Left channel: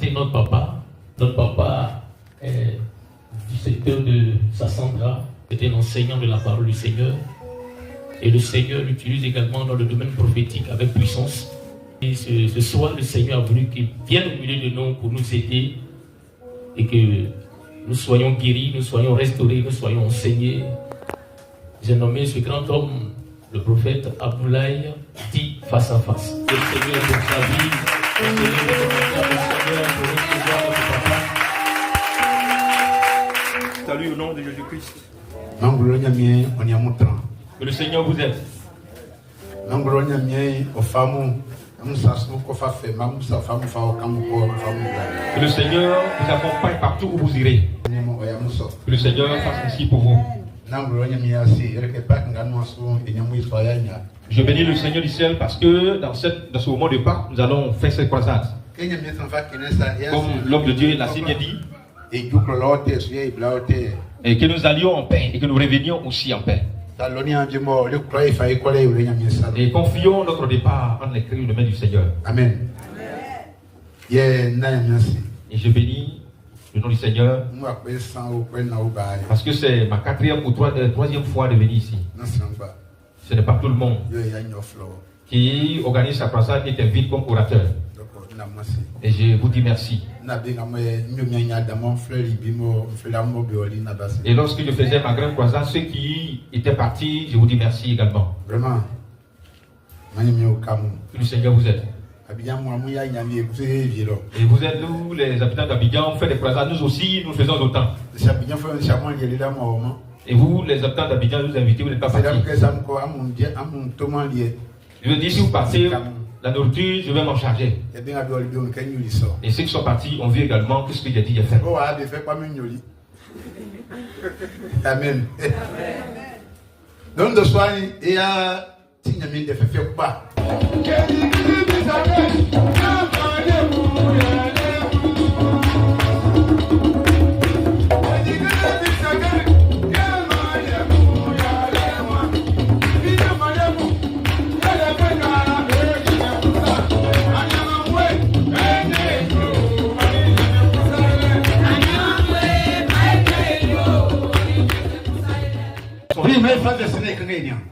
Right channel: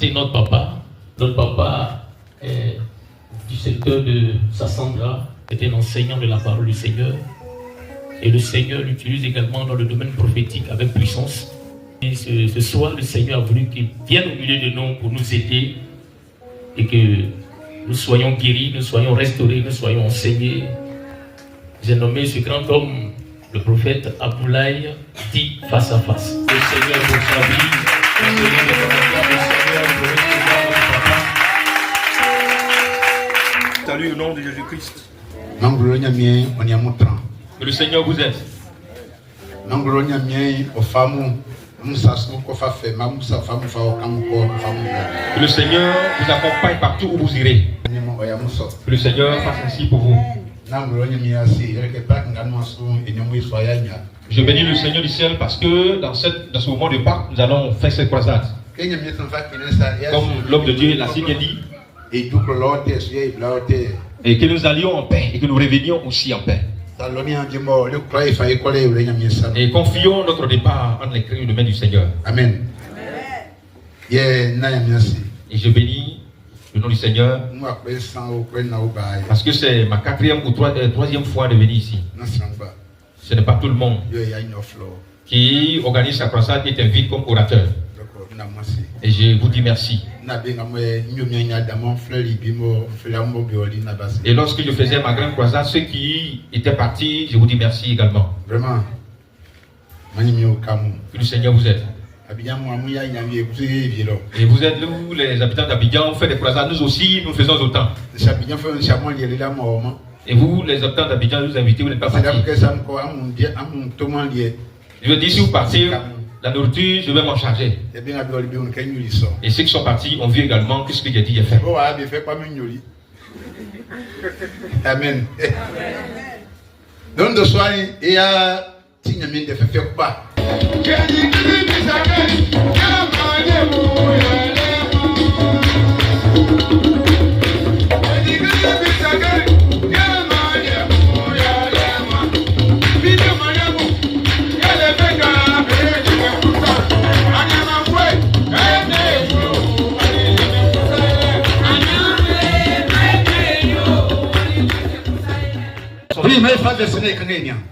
présenter notre papa. Notre papa est du secteur de Sassandra, est un enseignant de la parole du Seigneur. Et le Seigneur l'utilise également dans le domaine prophétique avec puissance. Et ce soir, le Seigneur a voulu qu'il vienne au milieu de nous pour nous aider et que nous soyons guéris, nous soyons restaurés, nous soyons enseignés. J'ai nommé ce grand homme, le prophète Abdoulaye, dit face à face. Le Seigneur pour sa vie, le Seigneur pour recevoir notre papa. Salut au nom de Jésus-Christ. Que le Seigneur vous aide. Que le Seigneur vous accompagne partout où vous irez. Que le Seigneur fasse ainsi pour vous. Je bénis le Seigneur du ciel parce que dans ce moment de Pâques, nous allons faire cette croisade. Comme l'homme de Dieu l'a si bien dit. Et que nous allions en paix et que nous revenions aussi en paix. Et confions notre départ entre les mains du Seigneur. Amen. Et je bénis le nom du Seigneur parce que c'est ma troisième fois de venir ici. Ce n'est pas tout le monde qui organise sa croisade qui est invité comme orateur. Et je vous dis merci. Et lorsque je faisais ma grande croisade, ceux qui étaient partis, je vous dis merci également. Vraiment. Que le Seigneur vous aide. Et vous êtes nous, les habitants d'Abidjan, on fait des croisades, nous aussi, nous faisons autant. Et vous, les habitants d'Abidjan, nous invitez, vous n'êtes pas partis. Je veux dire, si vous partez, la nourriture, je vais m'en charger. Et ceux qui sont partis ont vu également ce que j'ai dit, j'ai fait. Amen. Donc, de soir, il y a Tignamine de Fefekba.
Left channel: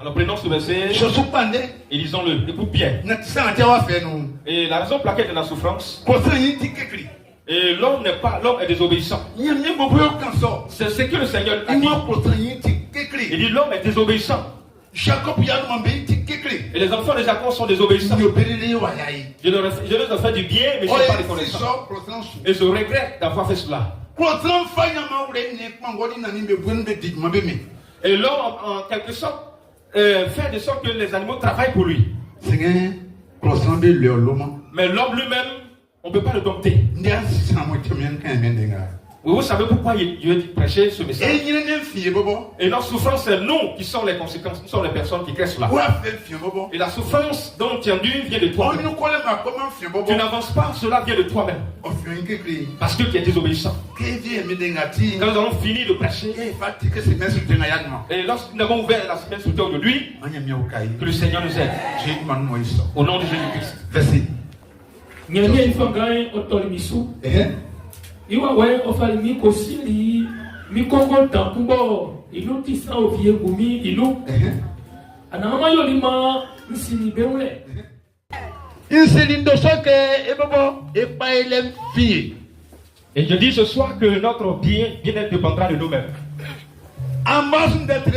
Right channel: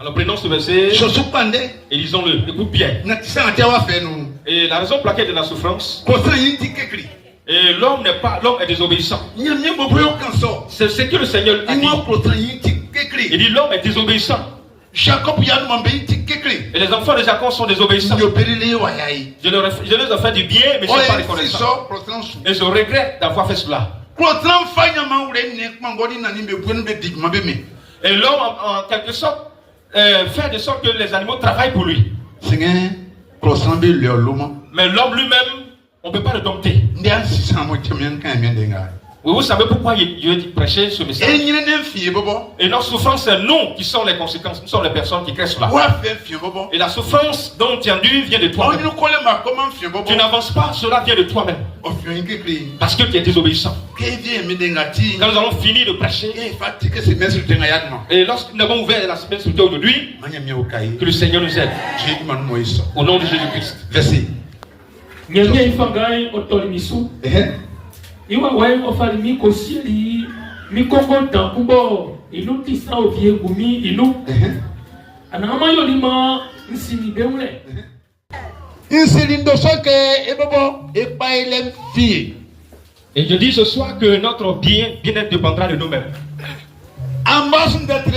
Alors prenons ce verset et lisons-le. Écoute bien. Et la raison pour laquelle de la souffrance. Et l'homme est désobéissant. C'est ce que le Seigneur a dit. Il dit l'homme est désobéissant. Et les enfants de Jacob sont désobéissants. Je les ai fait du bien, mais je ne suis pas reconnaissant. Et je regrette d'avoir fait cela. Et l'homme, en quelque sorte, fait de sorte que les animaux travaillent pour lui. Mais l'homme lui-même, on ne peut pas le dompter. Oui, vous savez pourquoi Dieu dit prêcher ce message. Et notre souffrance, c'est nous qui sommes les conséquences. Nous sommes les personnes qui créent cela. Et la souffrance dont tu as dû vient de toi-même. Tu n'avances pas, cela vient de toi-même. Parce que tu es désobéissant. Quand nous avons fini de prêcher, et lorsque nous avons ouvert la semestre aujourd'hui, que le Seigneur nous aide. Au nom de Jésus-Christ. Verset. Iwa wae ofali mi kosili mi kongo tambo ilu tisa ovie gumi ilu anama yolima nsini beule Insilindo soke ebobo epailem fi. Et je dis ce soir que notre bien-être dépendra de nous-mêmes. Amos d'être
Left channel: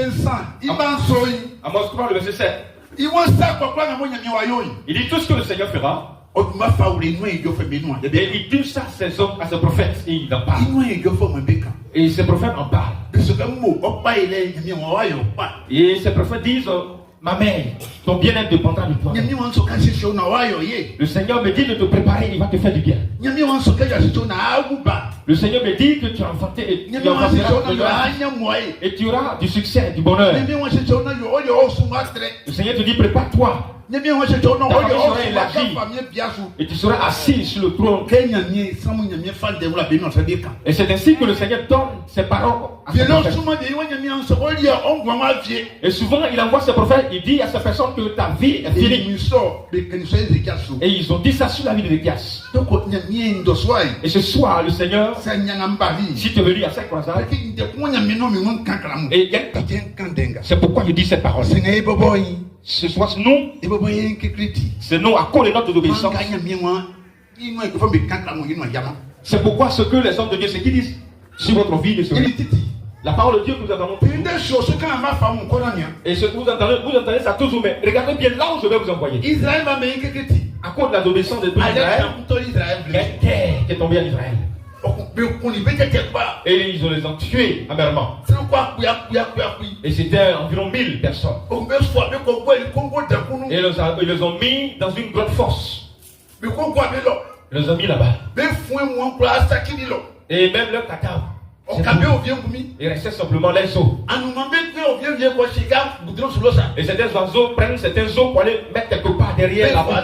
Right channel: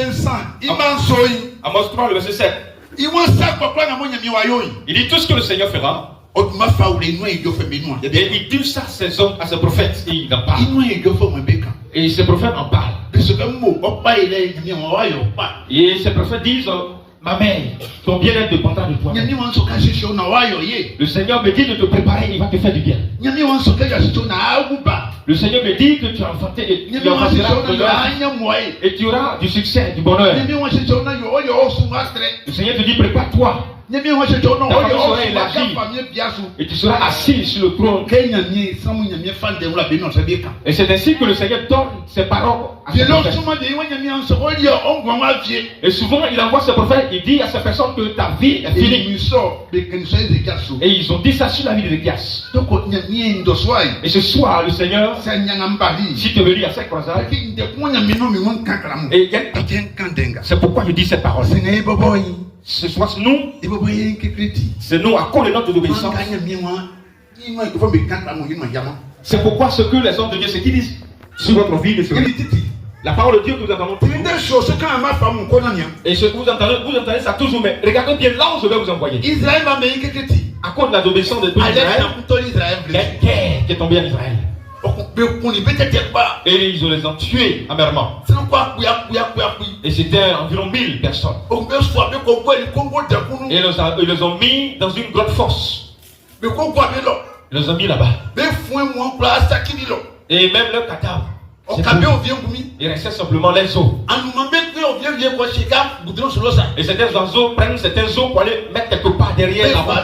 Iman soy. Amos 3, le verset 7. Il dit tout ce que le Seigneur fera. Et il dit ça à ses hommes, à ses prophètes, et il en parle. Et ces prophètes en parlent. Et ces prophètes disent, ma mère, ton bien-être dépendra de toi. Le Seigneur me dit de te préparer, il va te faire du bien. Le Seigneur me dit que tu as enfanté et tu auras du succès, du bonheur. Le Seigneur te dit, prépare-toi. Et tu seras assis sur le trône. Et c'est ainsi que le Seigneur donne ses paroles à ses prophètes. Et souvent il envoie ses prophètes, il dit à ces personnes que ta vie est finie. Et ils ont dit ça sur la vie d'Ézéchias. Et ce soir, le Seigneur, si tu veux lire à cette croisade, c'est pourquoi je dis cette parole. Ce soir, c'est nous à cause de notre obéissance. C'est pourquoi ce que les hommes de Dieu, c'est qu'ils disent sur votre vie, la parole de Dieu que nous entendons. Et ce que vous entendez ça toujours, mais regardez bien là où je vais vous envoyer. À cause de la désobéissance de Israël, la guerre qui est tombée en Israël. Et ils les ont tués amèrement. Et c'était environ 1000 personnes. Et ils les ont mis dans une grotte fosse. Ils les ont mis là-bas. Et même leur cadavre. Il restait simplement les os. Et certains oiseaux prennent certains os pour aller mettre quelque part derrière la bas.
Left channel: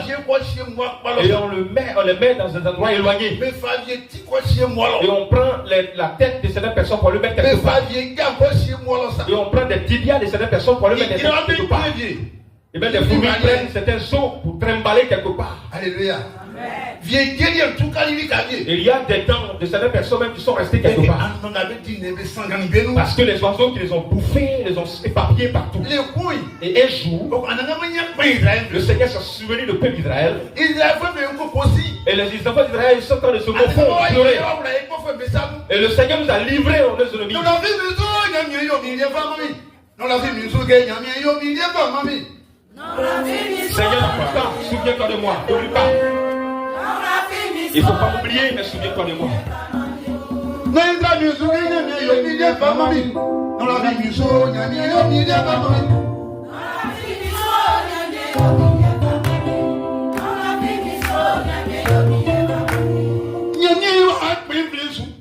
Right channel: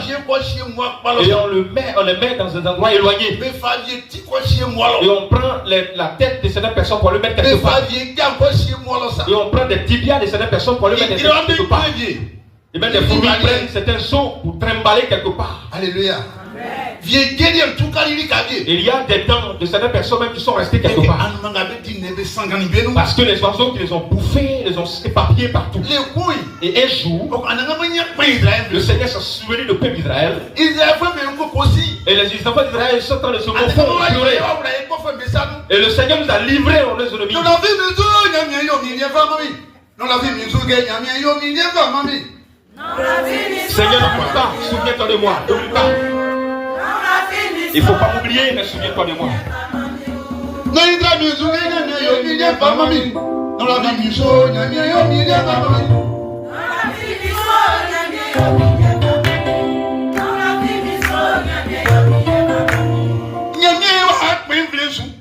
Et on les met dans un endroit éloigné. Et on prend la tête de certaines personnes pour le mettre quelque part. Et on prend des tibias de certaines personnes pour le mettre quelque part. Et même des fourmis prennent certains os pour trimballer quelque part. Alléluia. Et il y a des dents de certaines personnes même qui sont restées quelque part. Parce que les oiseaux qui les ont bouffés, les ont éparpillés partout. Et un jour, le Seigneur s'est souvenu du peuple d'Israël. Et les enfants d'Israël sont en train de se confondre. Et le Seigneur nous a livrés aux ennemis. Seigneur, pourtant, souviens-toi de moi. N'oublie pas. Il ne faut pas m'oublier, mais souviens-toi de moi.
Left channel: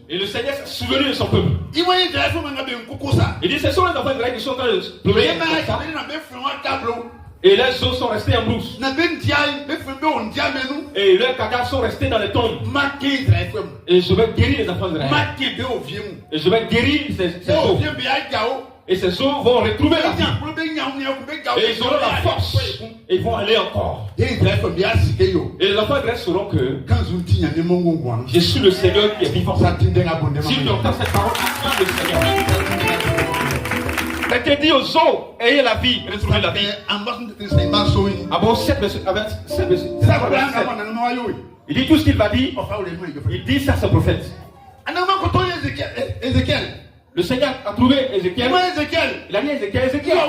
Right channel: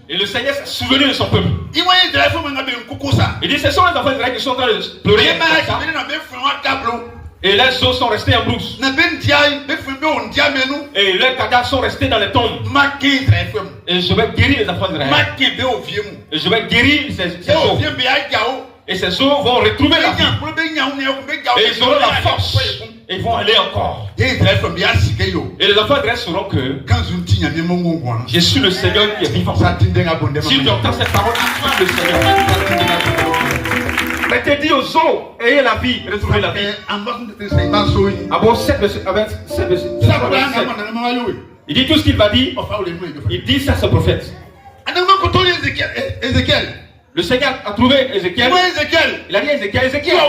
Et le Seigneur s'est souvenu de son peuple. Il dit, ce sont les enfants d'Israël qui sont en train de pleurer. Et les os sont restés en brousse. Et leurs cadavres sont restés dans les tombes. Et je vais guérir les enfants d'Israël. Et je vais guérir ces os. Et ces os vont retrouver la vie. Et ils auront la force. Et ils vont aller encore. Et les enfants d'Israël sauront que je suis le Seigneur qui est vivant. Si tu entends cette parole, tu es le Seigneur. Mais tu dis aux eaux, ayez la vie, retrouvez la vie. Il dit tout ce qu'il va dire. Il dit ça à ce prophète. Le Seigneur a trouvé Ézéchiel. Il a dit Ézéchiel.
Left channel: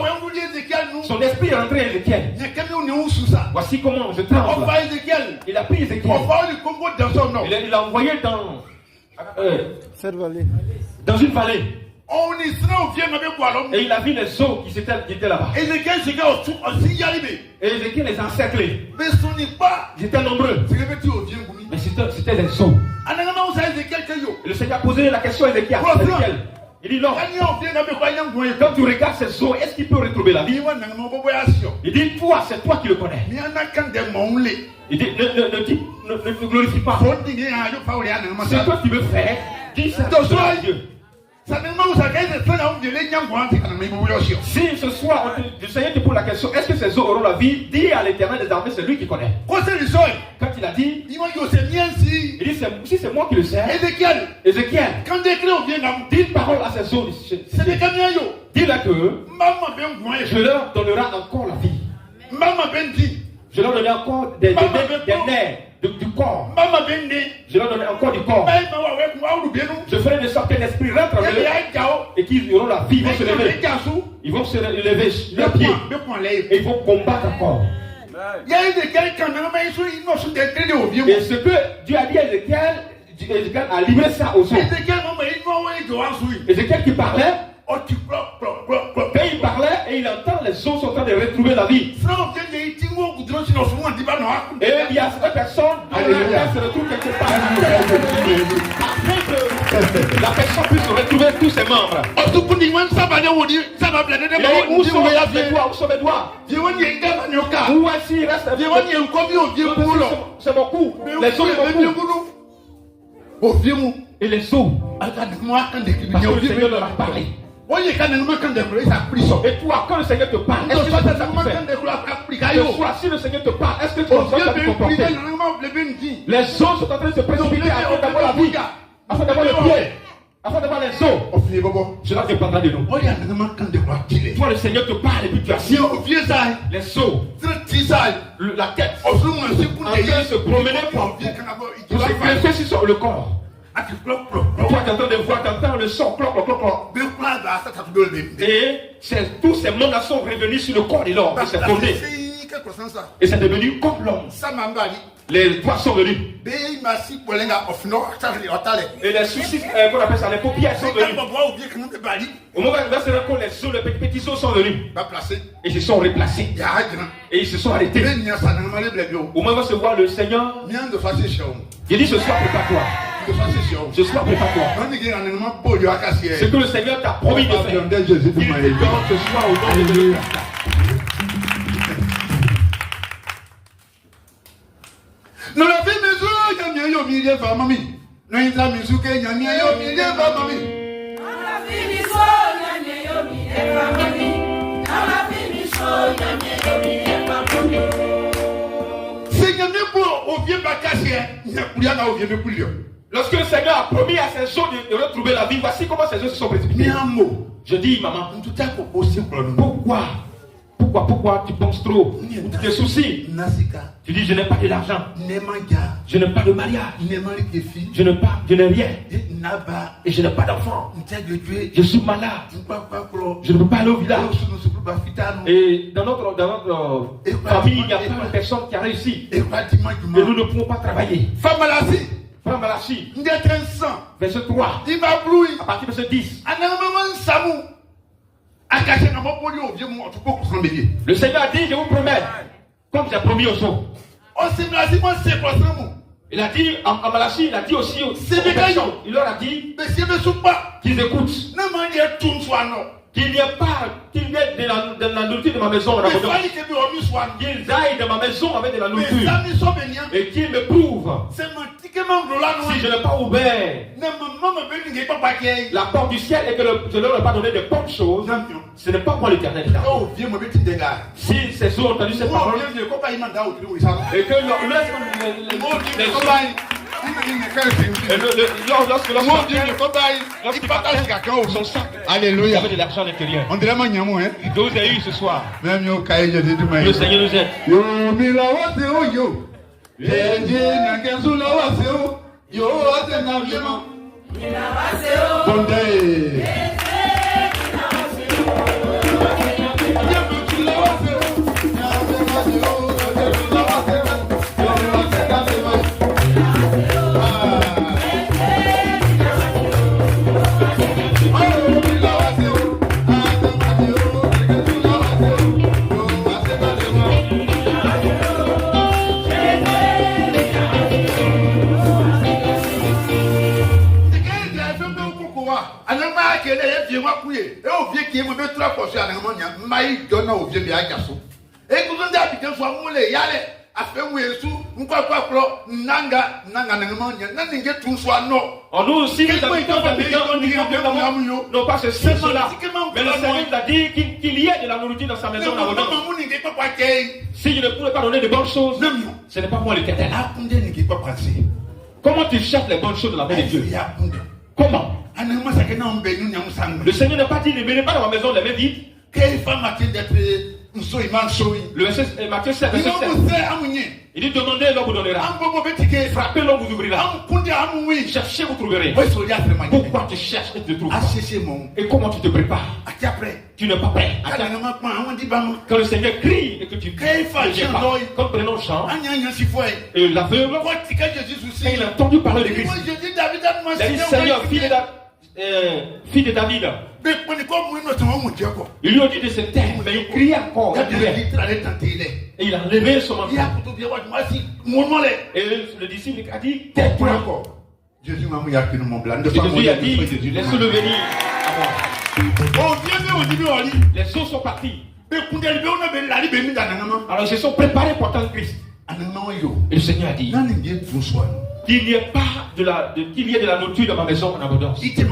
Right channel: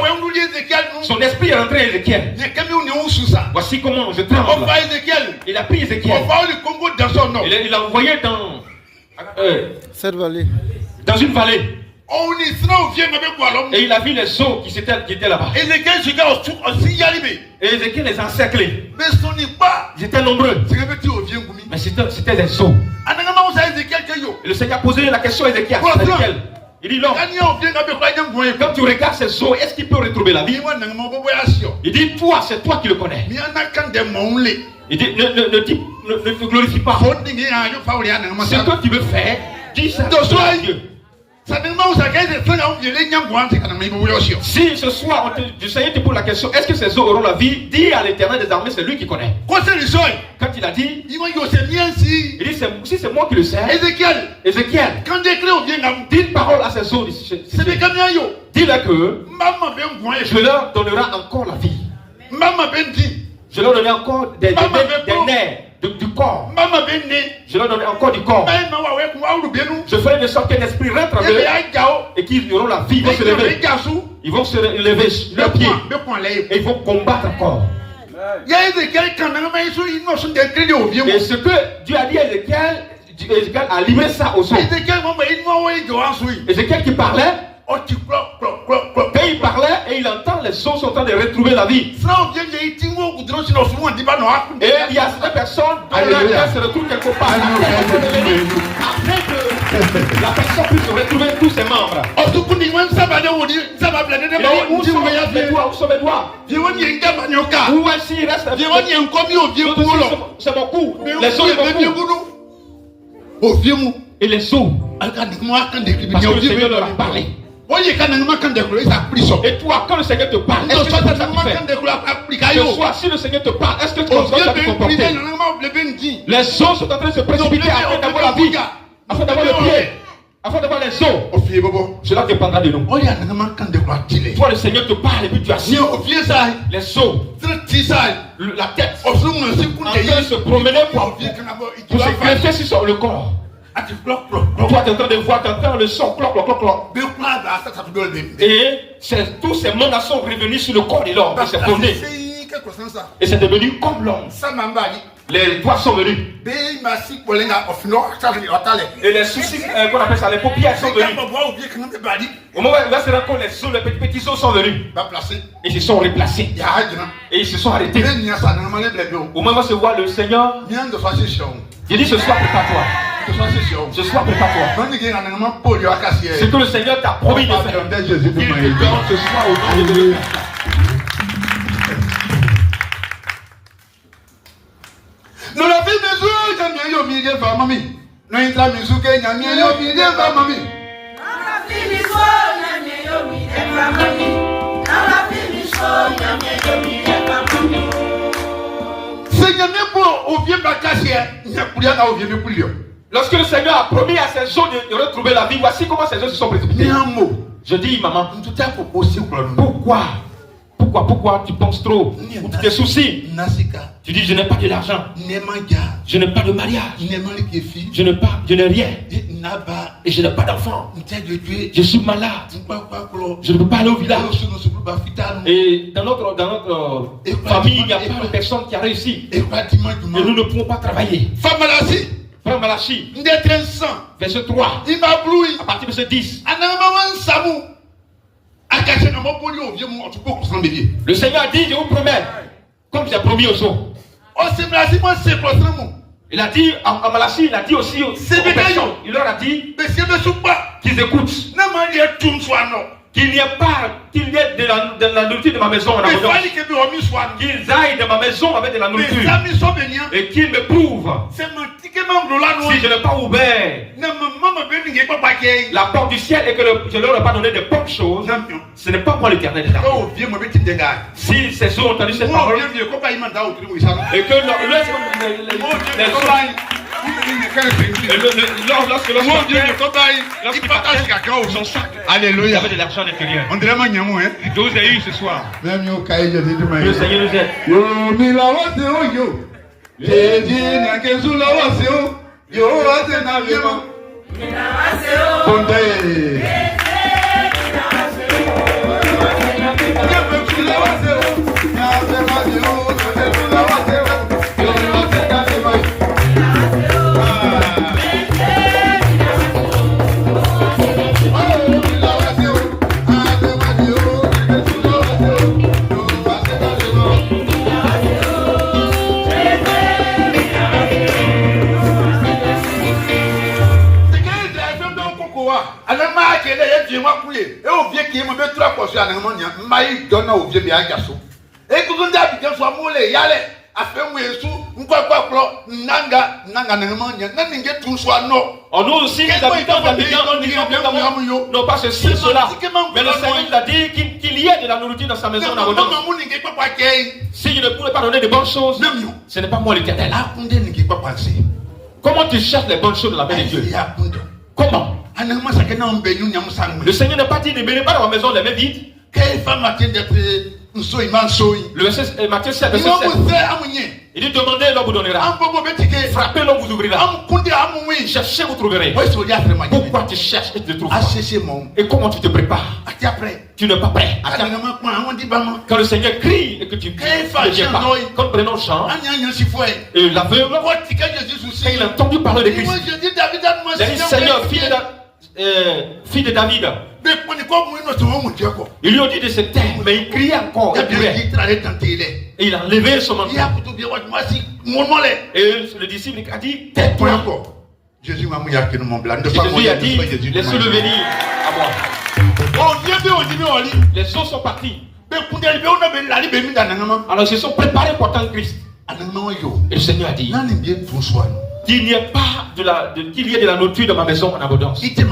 Son esprit est rentré à Ézéchiel. Voici comment je tremble. Il a pris Ézéchiel. Il l'a envoyé dans une vallée. Et il a vu les eaux qui étaient là-bas. Et Ézéchiel les a encerclés. Ils étaient nombreux. Mais c'était les eaux. Et le Seigneur a posé la question à Ézéchiel. Il dit non. Quand tu regardes ces eaux, est-ce qu'il peut retrouver la vie? Il dit toi, c'est toi qui le connais. Il dit ne glorifie pas. C'est toi qui veux faire. Dis ça à Dieu. Si ce soir du Seigneur te pose la question, est-ce que ces eaux auront la vie? Dis à l'Éternel des armées, c'est lui qui connaît. Quand il a dit, il dit si c'est moi qui le sais. Ézéchiel, dis une parole à ces eaux. Dis-leur que je leur donnerai encore la vie. Je leur donnerai encore des nerfs. Du corps. Je leur donnerai encore du corps. Je ferai de sorte qu'un esprit rentre en eux et qu'ils auront la vie. Ils vont se lever leurs pieds et ils vont combattre encore. Et ce que Dieu a dit à Ézéchiel a livré ça aux autres. Ézéchiel qui parlait. Et il parlait et il entend les eaux sont en train de retrouver la vie. Et il y a certaines personnes dont la terre se retrouve quelque part. Après que la personne puisse retrouver tous ses membres. où sont mes doigts? Où sont mes doigts? Où est-ce qu'il reste? C'est mon cou. Les os de mon cou. Et les os. Parce que le Seigneur leur a parlé. Et toi, quand le Seigneur te parle, est-ce que tu fais ça qui fait? Ce soir, si le Seigneur te parle, est-ce que tu vas te comporter? Les os sont en train de se précipiter afin d'avoir la vie, afin d'avoir le pied, afin d'avoir les os. Cela dépendra de nous. Toi, le Seigneur te parle et puis tu as les os, la tête, en train de se promener pour se greffer sur le corps. Toi, tu es en train de voir, tu entends le son, cloc, cloc, cloc, cloc. Et tous ces mondes sont revenus sur le corps de l'homme. C'est fondé. Et c'est devenu comme l'homme. Les doigts sont venus. Et les soucis, qu'on appelle ça, les paupières sont venus. Au moment où c'est là que les os, les petits os sont venus. Et ils se sont replacés. Et ils se sont arrêtés. Au moment où se voit le Seigneur, il dit ce soir, prépare-toi. Ce soir, prépare-toi. Ce que le Seigneur t'a promis de faire. Ce soir, au nom de Dieu. Nous l'avons fait des jours, il y a mis des femmes, mamie. Nous avons fait des jours, il y a mis des femmes, mamie. Lorsque le Seigneur a promis à ses os de retrouver la vie, voici comment ses os se sont précipités. Je dis, maman, pourquoi tu penses trop? Tu te soucies. Tu dis, je n'ai pas de l'argent. Je n'ai pas de mariage. Je n'ai rien. Et je n'ai pas d'enfant. Je suis malade. Je ne peux pas aller au village. Et dans notre famille, il n'y a pas de personne qui a réussi. Et nous ne pouvons pas travailler. Frère Malachi, verset 3. À partir de verset 10. Le Seigneur a dit, je vous promets, comme j'ai promis aux autres. Il a dit, en Malachi, il a dit aussi aux personnes, il leur a dit qu'ils écoutent. Qu'il n'y ait de la nourriture de ma maison en abondance. Qu'ils aillent de ma maison avec de la nourriture. Et qu'ils me prouvent. Si je n'ai pas ouvert la porte du ciel et que je ne leur ai pas donné de bonnes choses, ce n'est pas moi l'Éternel. Si ces eaux ont entendu cette parole et que lorsque son sac, alléluia, avait de l'argent à l'intérieur. on dirait que vous avez eu ce soir. Le Seigneur nous aide. Nous aussi, les habitants n'ont pas ceci, cela. Mais le Seigneur a dit qu'il y ait de la nourriture dans sa maison en abondance. Si je ne pourrais pas donner de bonnes choses, ce n'est pas moi l'Éternel. Comment tu cherches les bonnes choses de la main de Dieu? Comment? Le Seigneur n'a pas dit ne menez pas dans ma maison les mains vides. Le verset Matthieu 7, verset 7. Il dit demandez, l'on vous donnera. Frappez, l'on vous ouvrira. Cherchez, vous trouverez. Pourquoi tu cherches et tu ne trouves pas? Et comment tu te prépares? Tu n'es pas prêt. Quand le Seigneur crie et que tu cries, quand nous prenons chant, et l'aveugle, et il a entendu parler de Christ. Il dit Seigneur, fille de David. Ils lui ont dit de se taire, mais il criait encore. Et il a levé son manteau. Et le disciple a dit tais-toi. Jésus a dit laissez-le venir. Amen. Les eaux sont parties. Alors ils se sont préparés pour attendre Christ. Et le Seigneur a dit qu'il n'y ait pas qu'il y ait de la nourriture dans ma maison en abondance. C'est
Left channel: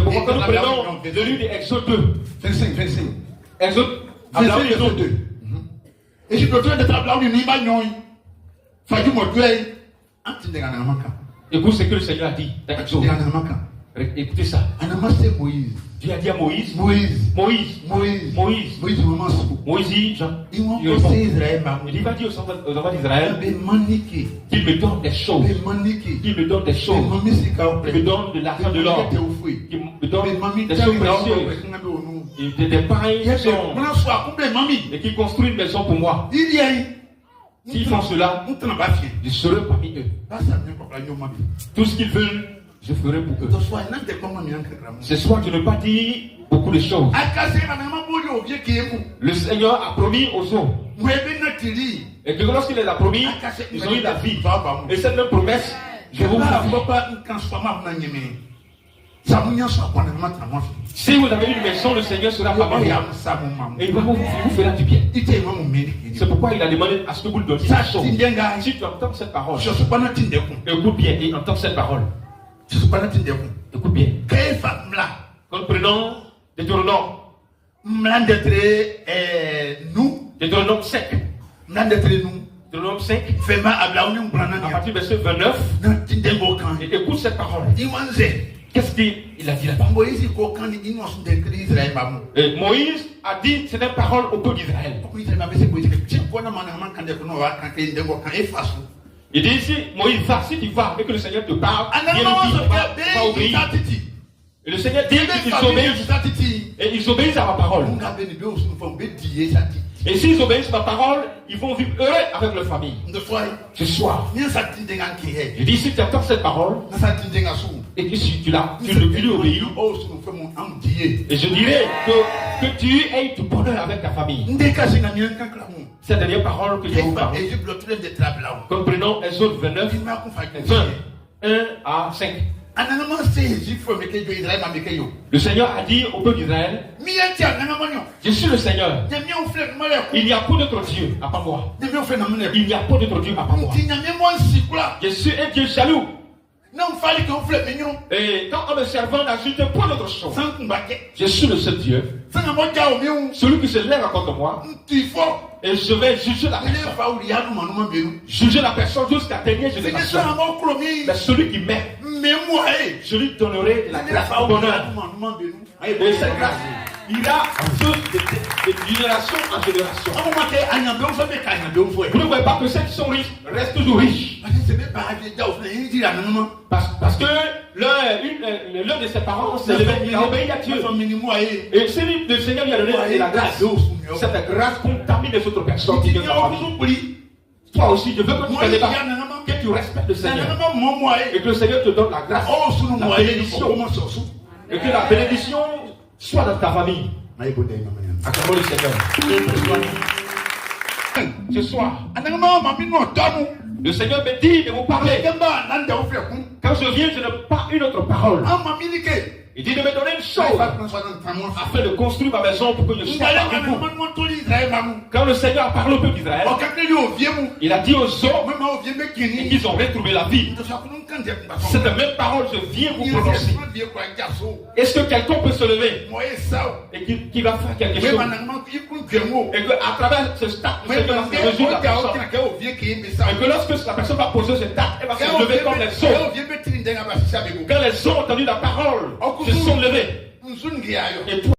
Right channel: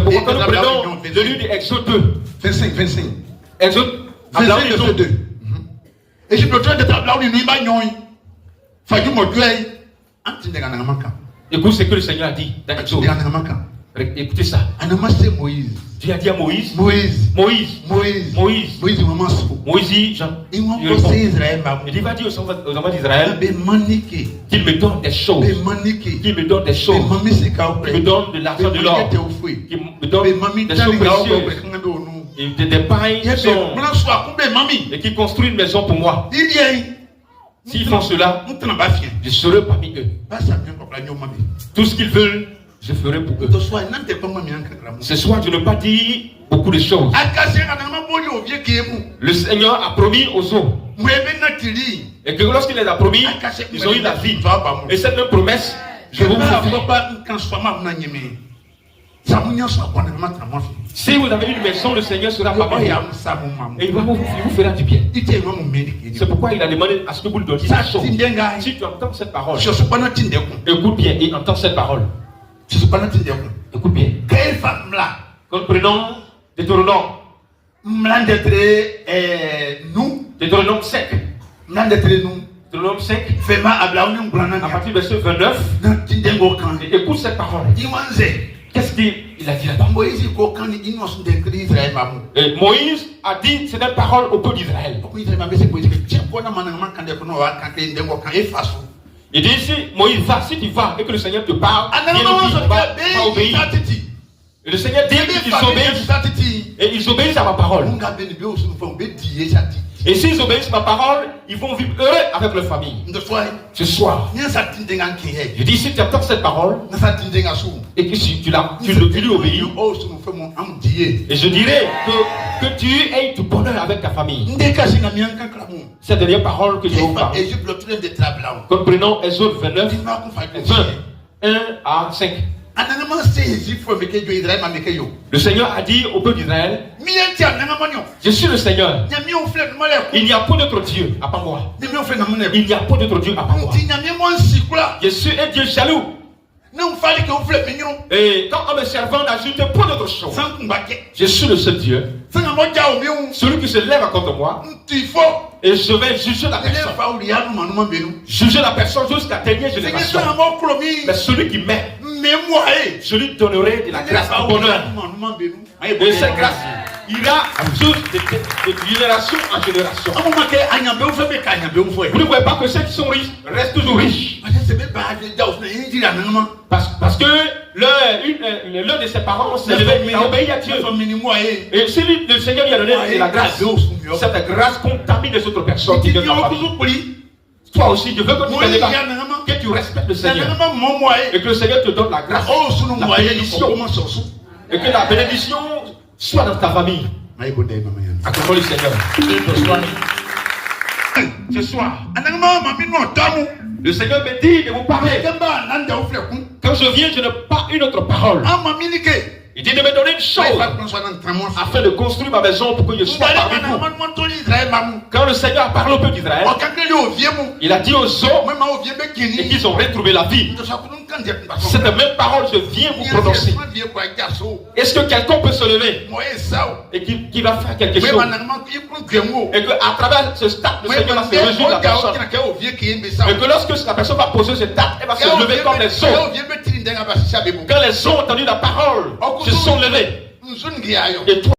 pourquoi quand nous prenons le livre d'Exode 2, 25. Exode 2. Écoute ce que le Seigneur a dit dans Exode. Écoutez ça. Dieu a dit à Moïse, Moïse, Jean, il va dire aux enfants d'Israël qu'il me donne des choses, qu'il me donne de l'argent, de l'or, qu'il me donne des choses précieuses, et des pailles et qu'il construit une maison pour moi. S'ils font cela, je serai parmi eux. Tout ce qu'ils veulent, je ferai pour eux. Ce soir, je ne veux pas dire beaucoup de choses. Le Seigneur a promis aux hommes. Et que lorsqu'il les a promis, ils ont eu la vie. Et cette même promesse, je vous la fais. Si vous avez une maison, le Seigneur sera parmi vous. Et il vous fera du bien. C'est pourquoi il a demandé à ce que vous le donniez. Si tu entends cette parole, écoute bien et entends cette parole. Écoute bien. Quand nous prenons Deutéronome, Deutéronome 5. Deutéronome 5. À partir du verset 29. Et écoute cette parole. Qu'est-ce qu'il a dit là-bas? Et Moïse a dit cette parole au peuple d'Israël. Il dit ici, Moïse, va, si tu vas et que le Seigneur te parle, va obéir. Et le Seigneur dit qu'ils obéissent. Et ils obéissent à ma parole. Et s'ils obéissent à ma parole, ils vont vivre heureux avec leur famille. Ce soir, je dis, si tu entends cette parole, et que si tu lui obéis, et je dirais que tu aies du bonheur avec ta famille. Cette dernière parole que je vous parle. Comprenons Exode 29, 1 à 5. Le Seigneur a dit au peuple d'Israël, je suis le Seigneur. Il n'y a pas d'autre Dieu à part moi. Il n'y a pas d'autre Dieu à part moi. Je suis un Dieu jaloux. Et quand on me servant n'ajoute pas d'autre chose, je suis le seul Dieu. Celui qui se lève contre moi, et je vais juger la personne. Juger la personne jusqu'à la dernière génération. Mais celui qui m'aime, je lui donnerai de la grâce en bonheur. Et cette grâce ira de génération en génération. Vous ne voyez pas que ceux qui sont riches restent toujours riches. Parce que l'un de ses parents s'est levé, il a obéi à Dieu. Et si le Seigneur lui a donné la grâce, cette grâce contamine les autres personnes qui toi aussi, je veux que tu respectes le Seigneur. Et que le Seigneur te donne la grâce, la bénédiction. Et que la bénédiction soit dans ta famille. Acclamons le Seigneur. Ce soir, le Seigneur me dit de vous parler. Quand je viens, je n'ai pas une autre parole. Il dit de me donner une chose afin de construire ma maison pour que je sois parmi vous. Quand le Seigneur a parlé au peuple d'Israël, il a dit aux hommes et qu'ils ont retrouvé la vie. Cette même parole, je viens vous prononcer. Est-ce que quelqu'un peut se lever et qui va faire quelque chose? Et qu'à travers ce stade, le Seigneur va se résoudre la personne. Et que lorsque la personne va poser ce stade, elle va se lever comme les autres. Quand les gens ont entendu la parole, se sont levés. Et toi,